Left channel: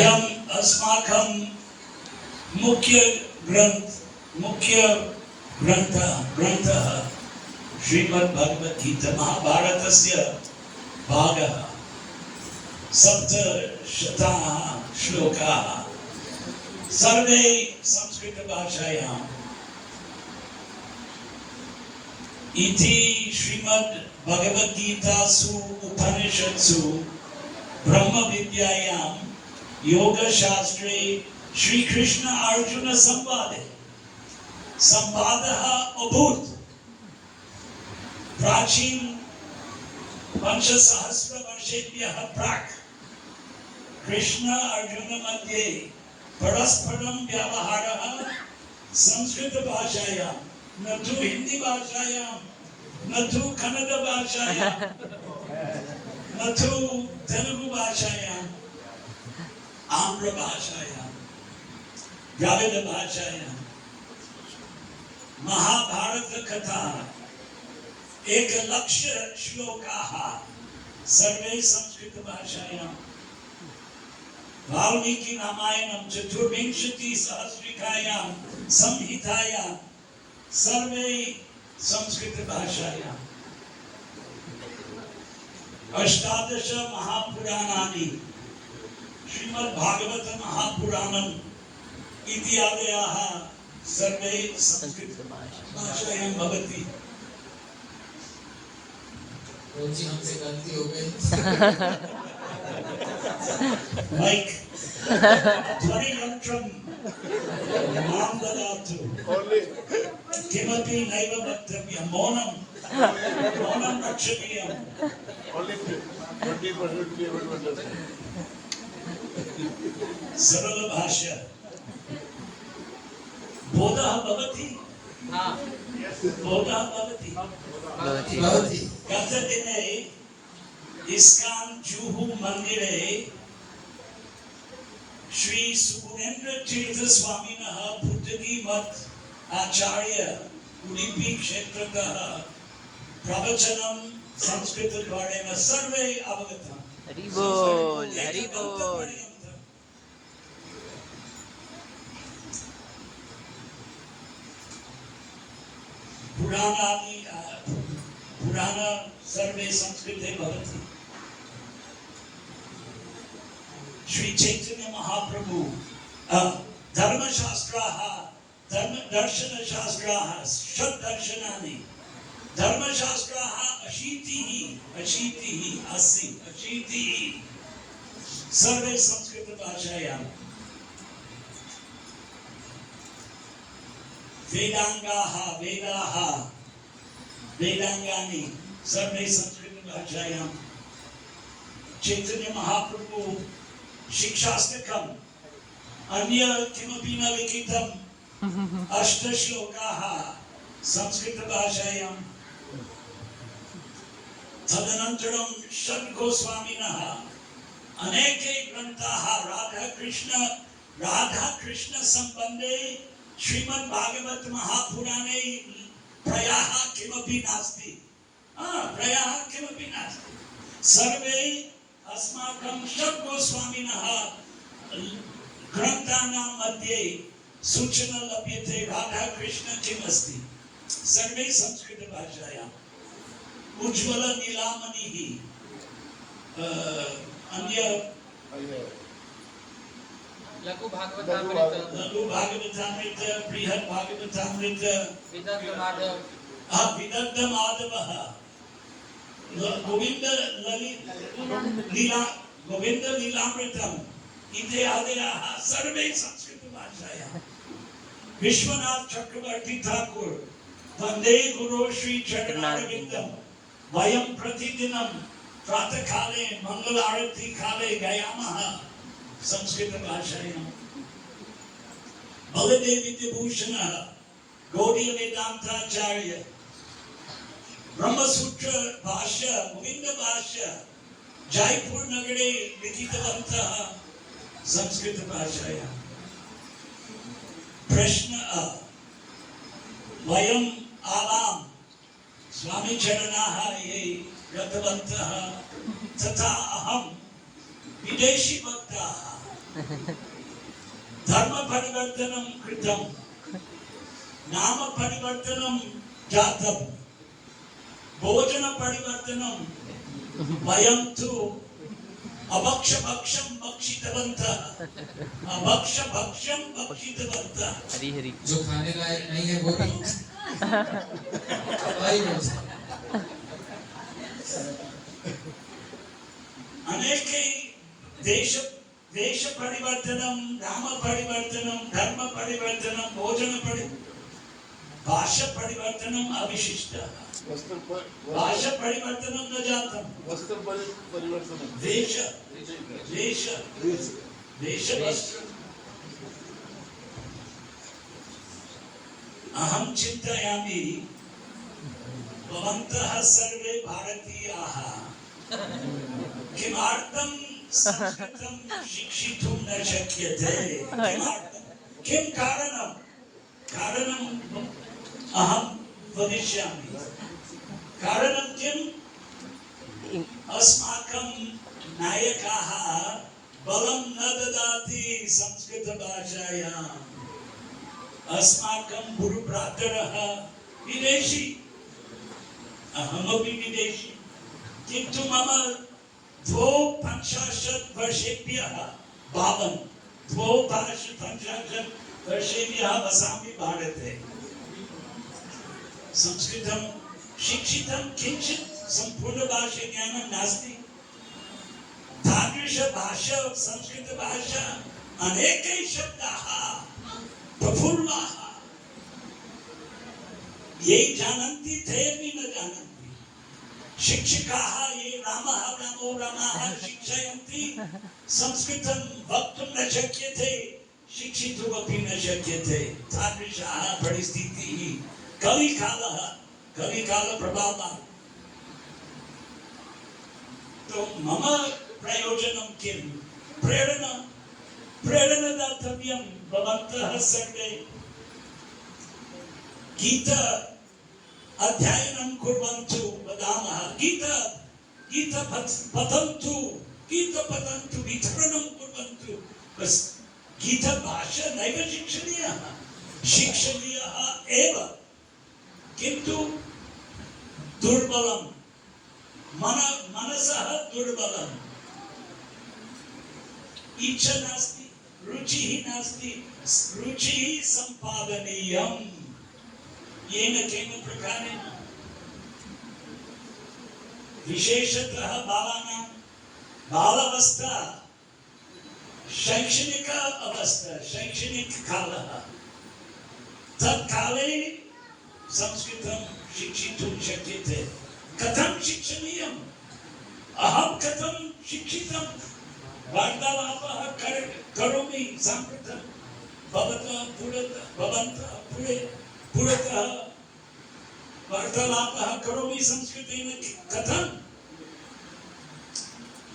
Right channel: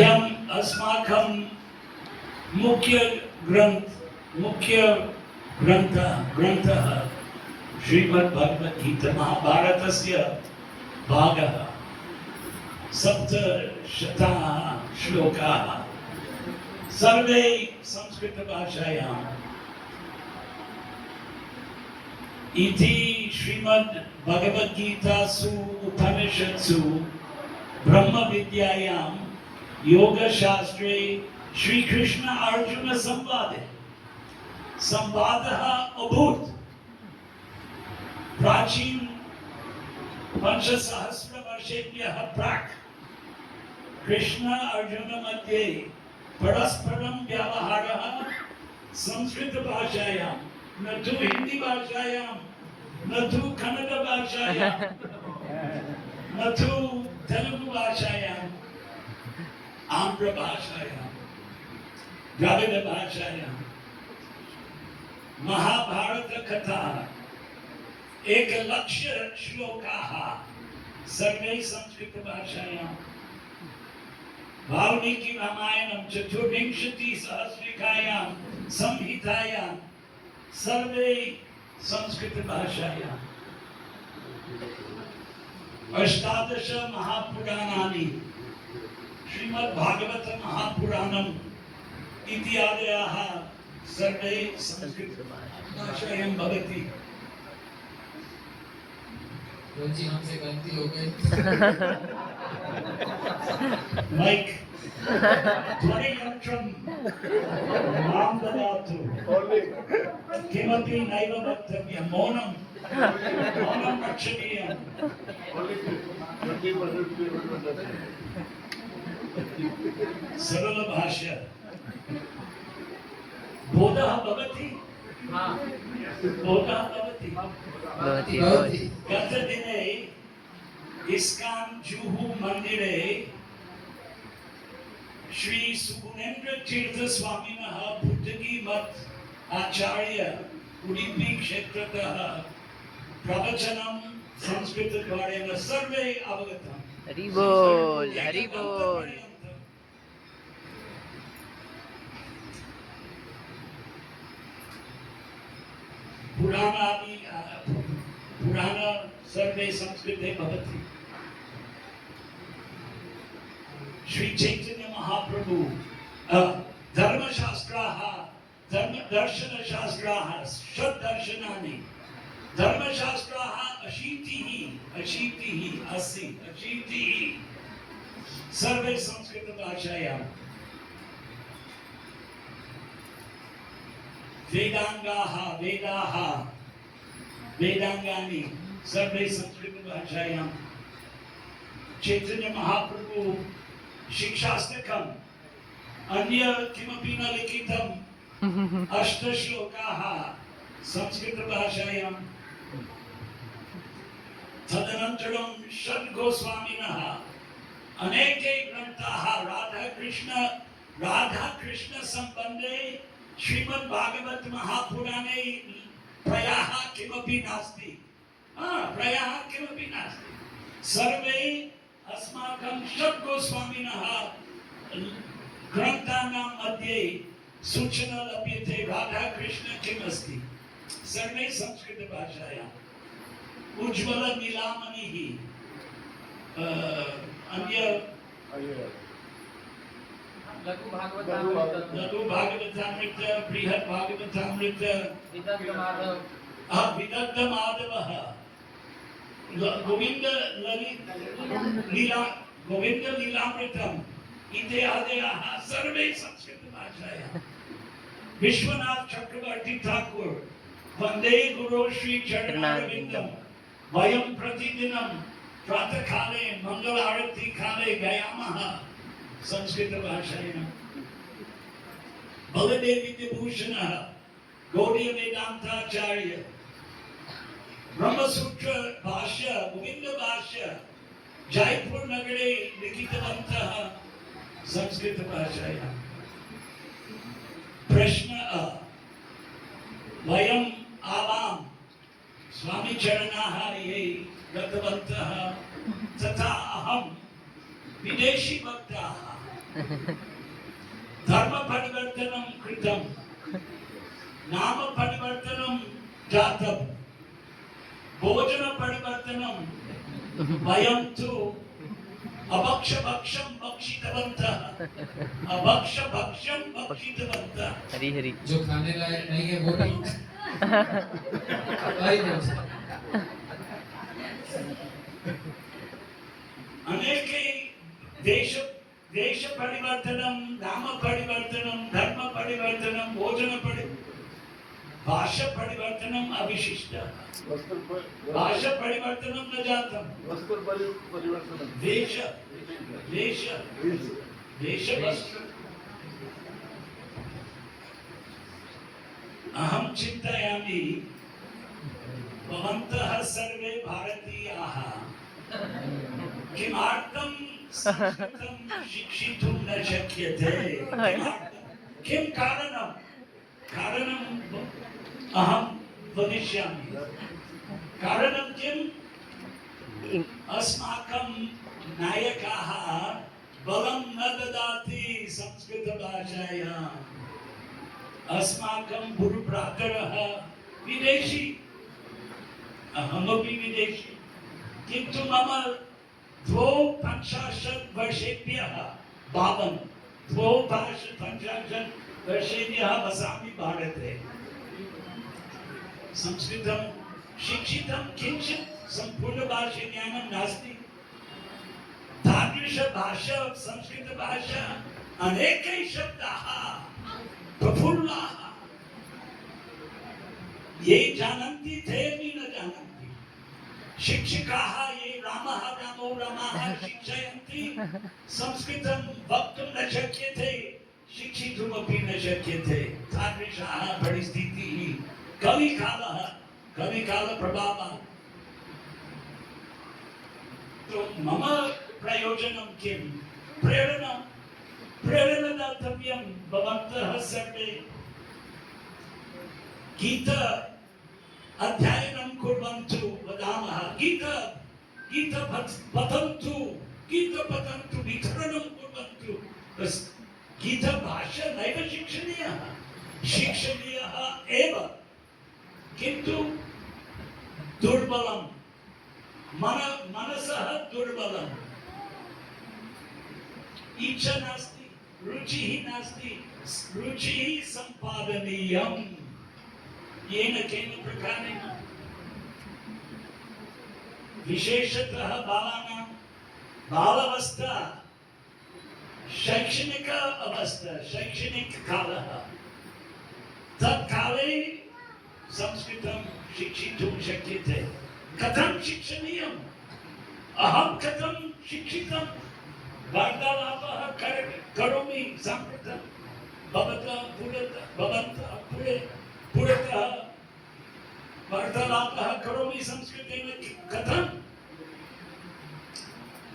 अयम अस्माकं मुख्य ग्रंथः श्रीमद् भगवद गीता महाभारतस्य भागः सप्तशताः श्लोकाः सर्वे संस्कृत भाषायाम् इति श्रीमद् भगवद गीतासु उपनिषत्सु ब्रह्म विद्यायां योग शास्त्रे श्री कृष्ण अर्जुन संवादः अभूत् प्राचीन 5,000 वर्षेभ्यः प्राक् कृष्ण अर्जुन मध्ये परस्परं व्यवहारः संस्कृत भाषायां न तु हिंदी भाषायां न तु कन्नड़ भाषायां न तु तेलुगु भाषायां आंध्र भाषायां द्रविड़ भाषायां महाभारत कथा 1,00,000 श्लोकाः सर्वे संस्कृत भाषायां वाल्मीकि रामायणं 24,000 संहितायां सर्वे संस्कृत भाषायां 18 महापुराणानि श्रीमद् भागवत महापुराणम् इत्यादयः सर्वे संस्कृत भाषायां भवति। जी हमसे गलती हो गई। माइक ध्वनियंत्रं मां ददातु। किमपि नैव वक्तव्यं, मौनं रक्षणीयम्। सरल भाषा बोधः भवति। बोधः भवति। गतदिने इस्कान जुहू मंदिरे श्री सुगुणेन्द्र तीर्थ स्वामिनः बुद्धगी मठ आचार्य उडुपी क्षेत्रतः प्रवचनं संस्कृतद्वारेण सर्वे अवगतम्। हरि बोल, हरि बोल। पुराण सर्वे संस्कृते भवति। श्री चैतन्य महाप्रभु धर्मशास्त्राः दर्शनशास्त्राः षड्दर्शनानि धर्मशास्त्राः 80 सर्वे संस्कृत भाषायां वेदांगानि सर्वे संस्कृत भाषायां चैतन्य महाप्रभु शिक्षाष्टकम् अन्य किमपि न लिखितम् 8 श्लोकाः संस्कृत भाषायां तदनन्तरं षड्गोस्वामिनः अनेके ग्रन्थाः राधा कृष्ण संबन्धे श्रीमद् भागवत महापुराणे प्रयाः किमपि नास्ति। सर्वे अस्माकं षड्गोस्वामिनः ग्रन्थानां मध्ये सूचना लभ्यते राधा कृष्ण किम् अस्ति। सर्वे संस्कृत भाषायाम् उज्ज्वल नीलामणिः अन्य लघु भागवतामृत बृहत् भागवतामृत विदग्ध माधवः गोविंद लीलामृतम् इत्यादयः सर्वे संस्कृत भाषायां विश्वनाथ चक्रवर्ती ठाकुर वंदे गुरु श्री चरणारविंदं वयं प्रतिदिनं प्रातःकाले मंगल आरती काले गायामः संस्कृत भाषायां। बलदेवी विभूषणः गौड़ीय वेदांताचार्य ब्रह्मसूत्र भाष्य गोविंद भाष्य जयपुर नगरे लिखितवन्तः संस्कृत भाषायां। प्रश्न वयम् आवां स्वामी चरणाः ये गतवन्तः तथा अहं विदेशी भक्ताः धर्म परिवर्तनं कृतं, नाम परिवर्तनं जातं, भोजन परिवर्तनं वयं तु अभक्षभक्षं भक्षितवन्तः, अभक्षभक्षं भक्षितवन्तः। हरी हरी। जो खाने लायक नहीं है वो भी वही बोल सकते। अनेके देश देश परिवर्तनं, नाम परिवर्तनं, धर्म परिवर्तनं, भोजन भाषा परिवर्तनम् अविशिष्टः। भाषा परिवर्तनं न जातं। वस्त्र परिवर्तनं। देश वस्त्र। अहं चिन्तयामि भवन्तः सर्वे भारतीयाः किमर्थं संस्कृतं शिक्षितुं न शक्यते? किं कारणं? अहं वदिष्यामि। कारणं किम्? अस्माकं नायकाः बलं न ददाति संस्कृतभाषायाम्। अस्माकं गुरुभ्रातरः विदेशी, अहमपि विदेशी, किन्तु मम 52 वर्षेभ्यः बालं 52 वर्षेभ्यः वसामि भारते। संस्कृतं शिक्षितं किञ्चित् सम्पूर्णभाषा ज्ञानं नास्ति। तादृशभाषा संस्कृतभाषा अनेके शब्दाः प्रफुल्लाः, ये जानन्ति ते अपि न जानन्ति। शिक्षकाः ये रामो रमाः शिक्षयन्ति, संस्कृतं वक्तुं न शक्यते, शिक्षितुमपि न शक्यते। तादृशः परिस्थितिः कलिकालप्रभावात्। तो मम प्रयोजनं किं? प्रेरणा दातव्यं। भवन्तः सर्वे गीता अध्ययनं कुर्वन्तु, वदामः गीता पठन्तु, वितरणं कुर्वन्तु। गीताभाषा नैव शिक्षणीयः एव, किन्तु दुर्बलं, मनसः दुर्बलम्, इच्छा नास्ति, रुचिः नास्ति। रुचिः सम्पादनीयम् येन केन प्रकारेण। विशेषतः बालानां बालावस्था, शैक्षणिक अवस्था, शैक्षणिककालः, तत्काले संस्कृतं शिक्षितुं शक्यते। कथं शिक्षणीयम्? अहं कथं शिक्षितं? वार्तालापः करोमि साम्प्रतं भवन्तः पुरतः वार्तालापः करोमि संस्कृतेन। कथम्?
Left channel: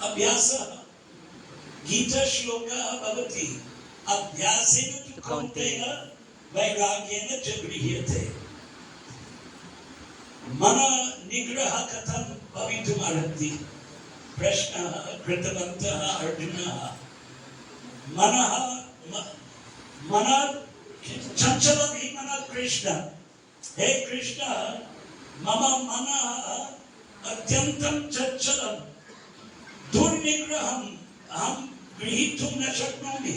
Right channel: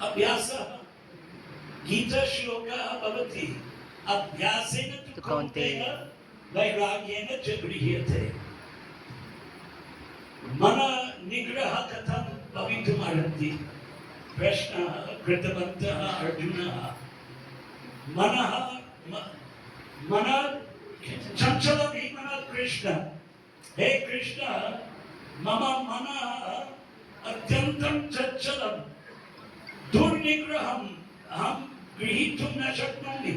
अभ्यासः। गीतश्लोकः भवति, अभ्यासेन तु कौन्तेय वैराग्येन च गृह्यते। मन निग्रह कथं भवितुमर्हति? प्रश्नः कृतवन्तः अर्जुनः। मन चञ्चलं हि मनः कृष्ण। हे कृष्ण, मम मनः अत्यन्तं चञ्चलं, दुर्निग्रहम् अहं गृहीतुं न शक्नोमि।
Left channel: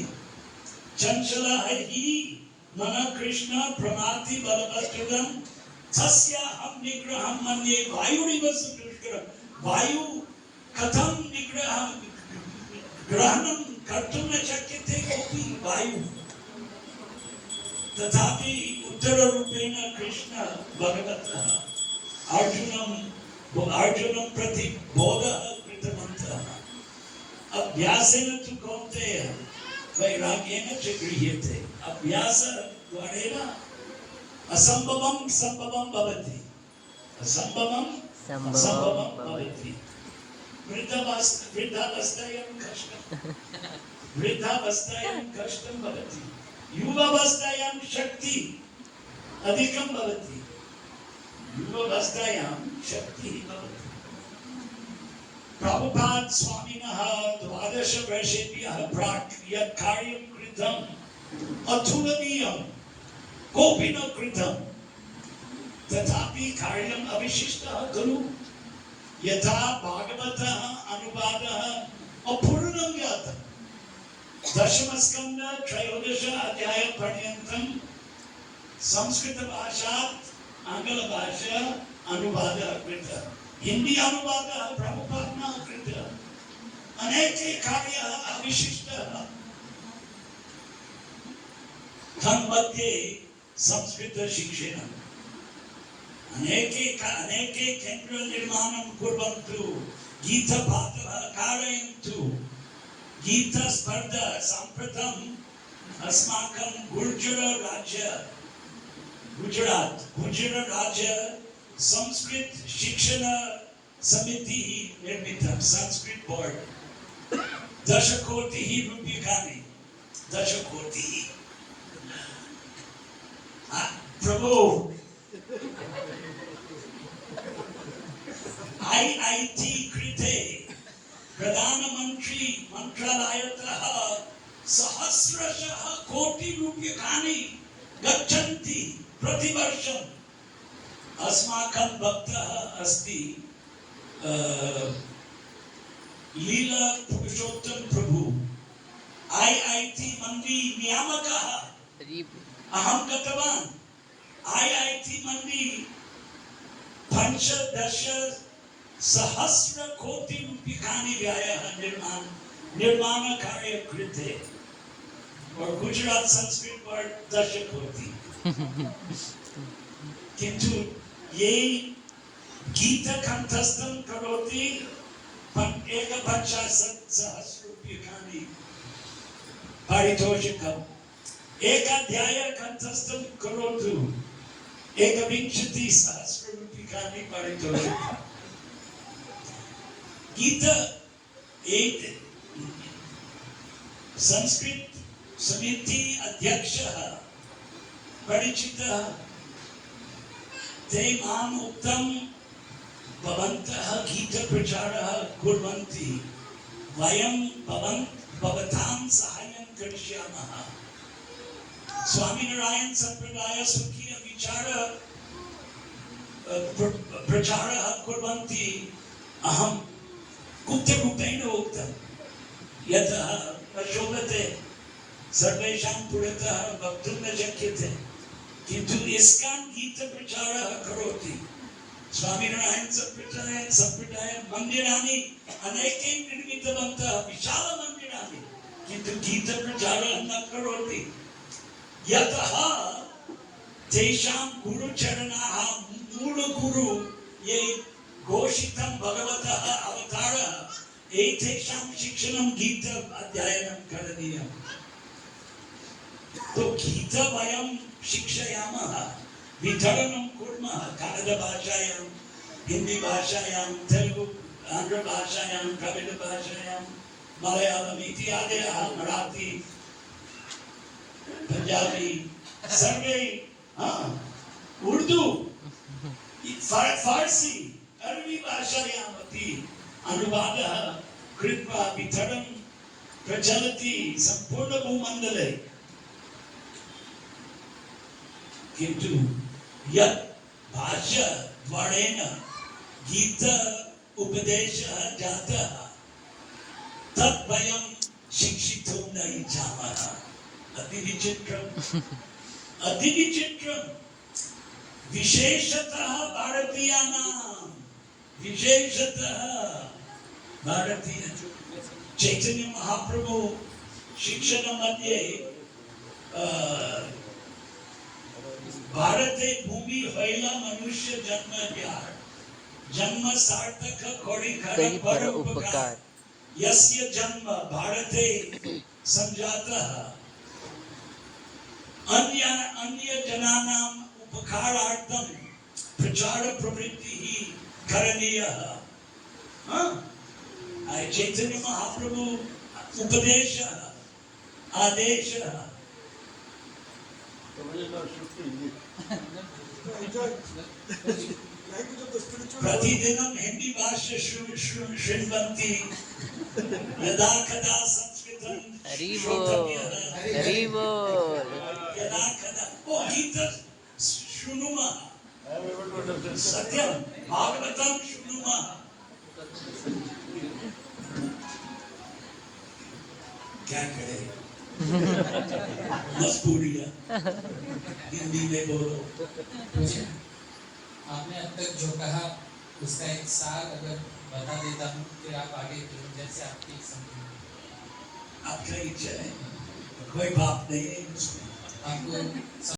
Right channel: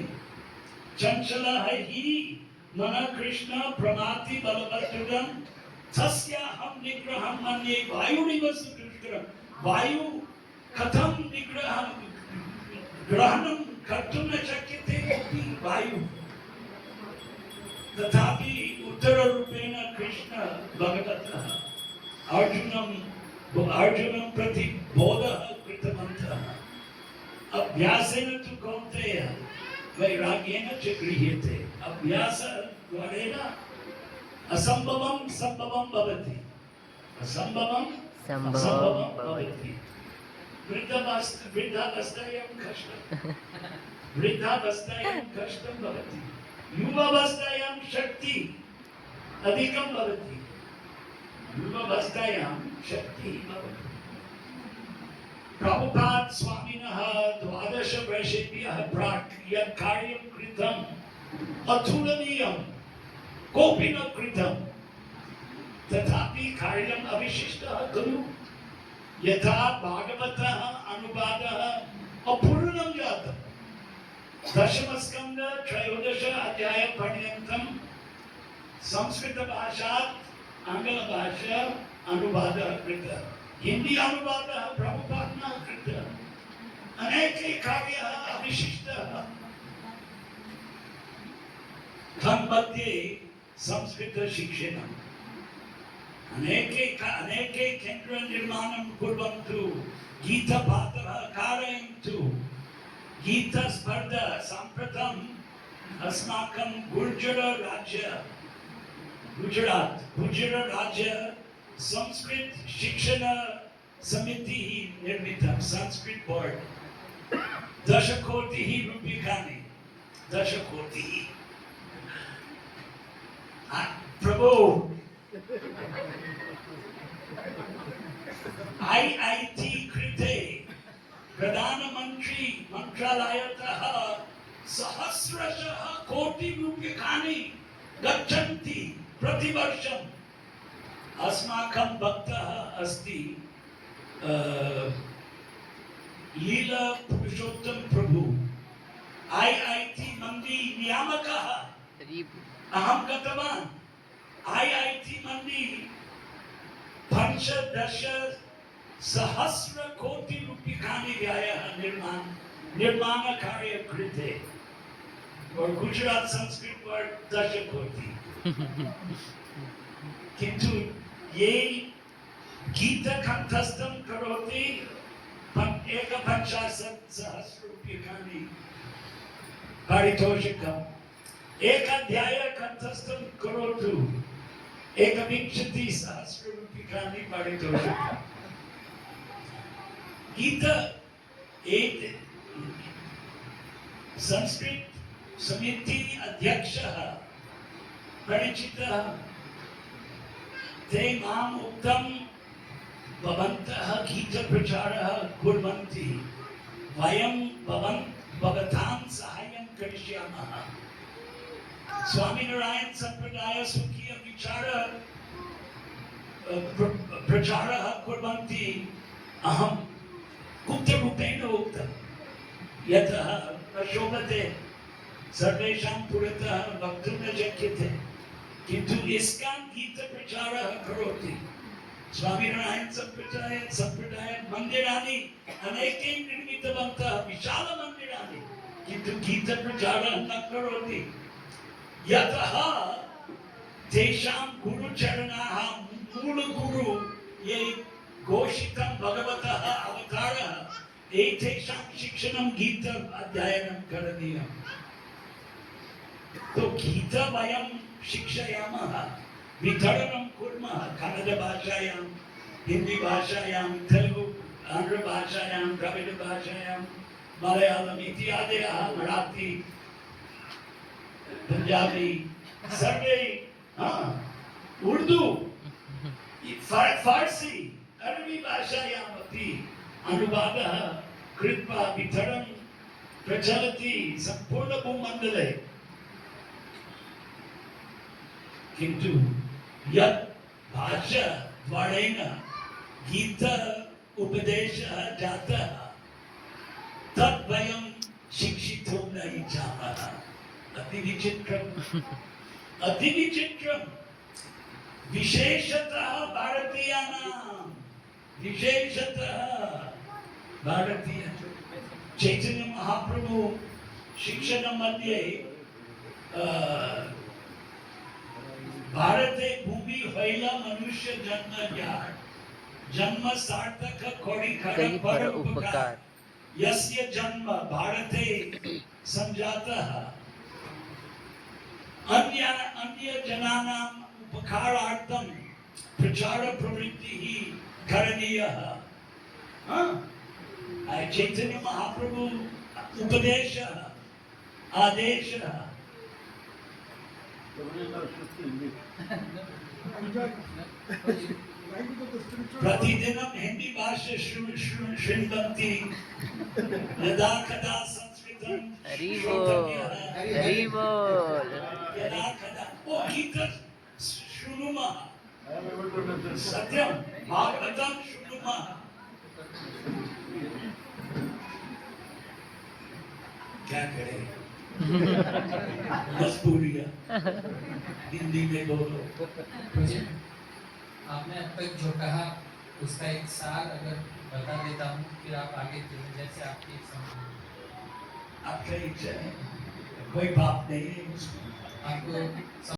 चञ्चलः हि मनः कृष्ण प्रमाति बलवदृढं, तस्याहं निग्रहं मन्ये। वायुरिव सुदुष्करं। वायु कथं ग्रहणं कर्तुं न शक्यते कोऽपि वायु। तथापि उत्तररूपेण कृष्ण भगवतः अर्जुनं प्रति बोधः कृतवन्तः। अभ्यासेन तु कौन्तेय वैराग्येन च गृह्यते। अभ्यासद्वारेण असम्भवं सम्भवं भवति, असम्भवं संभवं भवति। वृद्धावस्थायां कष्टं भवति, युवावस्थायां शक्ति अधिकं भवति, युवावस्थायां शक्तिः भवति। प्रभुपाद स्वामिनः 12 वर्षेभ्यः प्राक् यत् कार्यं कृतम् अतुलनीयं कोऽपि न कृतं तथापि कार्यम् अविशिष्टः खलु यथा भागवतः अनुवादः अपूर्णं जातम् 10 स्कन्द 13 अध्याय पर्यन्तं संस्कृत भाषात् आंग्ल भाषा अनुवादः कृतः हिंदी अनुवादः प्रभुपादना कृतः अनेके कार्याः अविशिष्टः तन्मध्ये संस्कृत शिक्षणम् अनेके केन्द्र निर्माणं कुर्वन्तु गीतपाठः कारयन्तु गीतस्पर्धा साम्प्रतम् अस्माकं गुजरात राज्य संस्कृत शिक्षण समितिः निर्मितं संस्कृत बोर्ड 10 कोटिः रूप्यकाणि 10 कोटिः प्रभु IIT कृते प्रधानमंत्री मंत्रालयतः सहस्रशः कोटि रूप्यकाणि गच्छन्ति प्रतिवर्षम् अस्माकं भक्तः अस्ति लीला पुरुषोत्तम प्रभु IIT मंडी नियामकः अहं गतवान् IIT मंडी 15 सहस्र कोटि रूप्यकाणि व्ययः निर्माण कार्य कृते और गुजरात संस्कृत बोर्ड 10 कोटि किंतु ये गीत कंठस्थं करोति 51 सहस्र रूप्यकाणि पारितोषिकम् एक अध्याय कंठस्थं करोतु 21 सहस्र रूप्यकाणि पारितोषिकम् गीता एक संस्कृत समिति अध्यक्षः परिचितः ते माम् उक्तं भवन्तः गीत प्रचारः कुर्वन्ति वयं भवतां साहाय्यं करिष्यामः स्वामीनारायण संप्रदाय स्वकीय विचार प्रचारः कुर्वन्ति अहं गुप्तरूपेण उक्तं यतः न शोभते सर्वेषां पुरतः वक्तुं न शक्यते किन्तु इस्कान गीत प्रचारः करोति स्वामीनारायण संप्रदाय मन्दिराणि अनेके निर्मितवन्तः विशाल मन्दिराणि किन्तु गीत प्रचारः न करोति यतः तेषां गुरुचरणाः मूलगुरु ये घोषितं भगवतः अवतारः एतेषां शिक्षणं गीत अध्ययनं करणीयम् तो गीत वयं शिक्षयामः वितरणं कुर्मः कन्नड भाषायां हिंदी भाषायां तेलुगु आंध्र भाषायां द्रविड भाषायां मलयालम इत्यादयः मराठी पंजाबी सर्वे उर्दू फारसी अरबी भाषायाम् अपि अनुवादः कृत्वा वितरणं प्रचलति सम्पूर्ण भूमण्डले किन्तु यत् भाष्यद्वारेण गीत उपदेशः जातः तत् वयं शिक्षितुं न इच्छामः अति विचित्रं विशेषतः भारतीय चैतन्य महाप्रभु शिक्षण मध्ये भारते भूमि हैला मनुष्य जन्म सार्थक कोड़ी पर उपकार यस्य जन्म भारते संजातः अन्य जनानाम् उपकारार्थं प्रचार प्रवृत्तिः करणीयः चैतन्य महाप्रभु उपदेशः आदेशः प्रतिदिनं हिंदी भाषा शृण्वन्ति यदा कदा संस्कृतं हरि श्रोतव्यः बोल हरि बोल यदा कदा ओ गीतं शृणुमः सत्यं भागवतं शृणुमः क्या करें मजबूरियां हिंदी में बोलो आपने अब तक जो कहा उसका एक सार अगर बता देता हूँ फिर आप आगे फिर जैसे आपकी समझ आपका इच्छा है कोई बात नहीं है उसमें आपको